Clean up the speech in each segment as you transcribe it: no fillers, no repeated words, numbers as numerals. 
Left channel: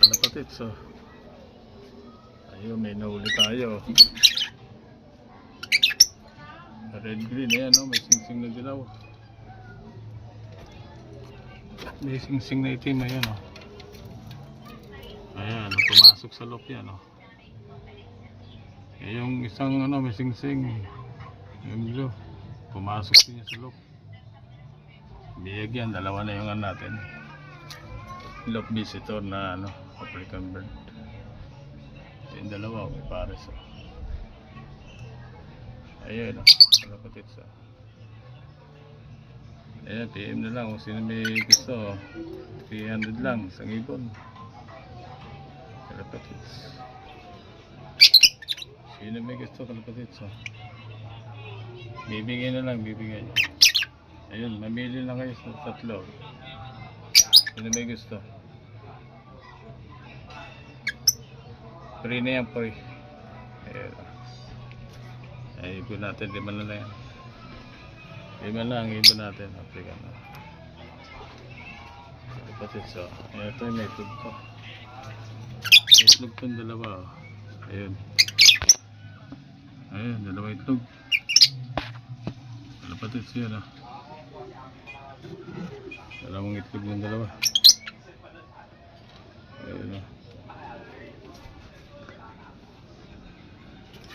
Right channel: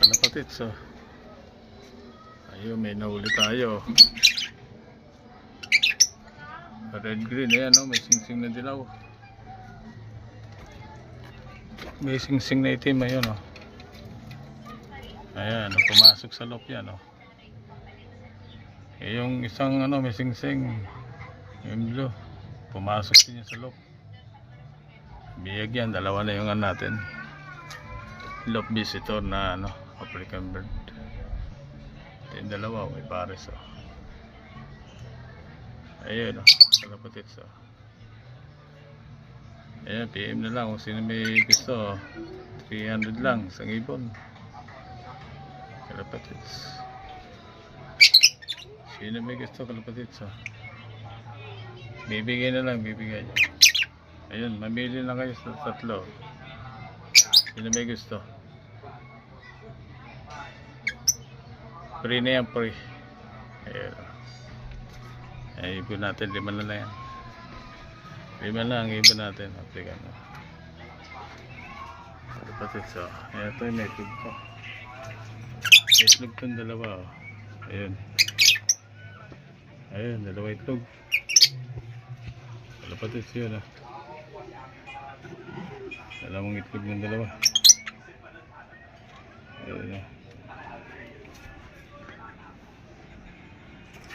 kalapatid. So ayun, may nahuli tayo. Red green, ayan o, may singsing na dilaw. May singsing na itim, ayun o. Ayan, pumasok sa loob yan o. Yung isang ano, may singsing, yung blue, pumasok din yan sa loob. Biyag yan, dalawa na yung natin. Love visitor na ano, African bird. Yung dalawa, may pares o. Ayun o, kalapatid o. Ayan, PM na lang kung sino may gusto. 300 lang, isang ibon. Kalapatid. Sino may gusto, kalapatid o. Bibigay na lang, bibigay. Ayun, mamili lang kayo sa tatlo. Sino may gusto? Free na yan, free. Ayun. Ay, ibon natin, 5 na lang yan. 5 lang, ibon natin. African. Kalapatid so. Ayan, ito yung itlog to. Itlog itong dalawa. Ayun. Ayun, dalawa itlog. Kalapatid siya no. Dalawang itlog ng dalawa. Ayun o.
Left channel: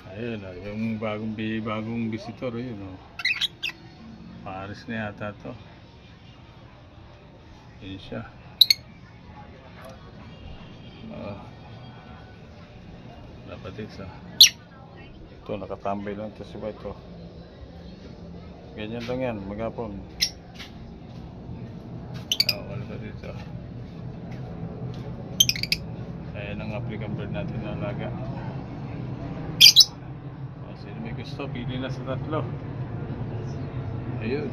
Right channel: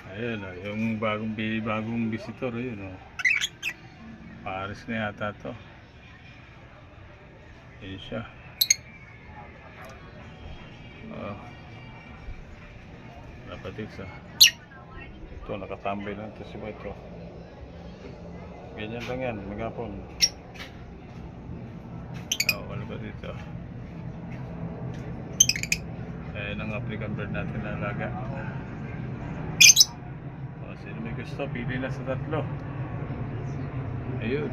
Ayun o, yung bagong visitor, ayun o. Paris na yata to. Ayun siya. Kalapatid sa. Ito, nakatambay lang ito si White o. Ganyan lang yan, maghapon. Kalapatid sa. Ayan ang African bird natin na alaga. Sino may gusto, pili na sa tatlo. Ayun.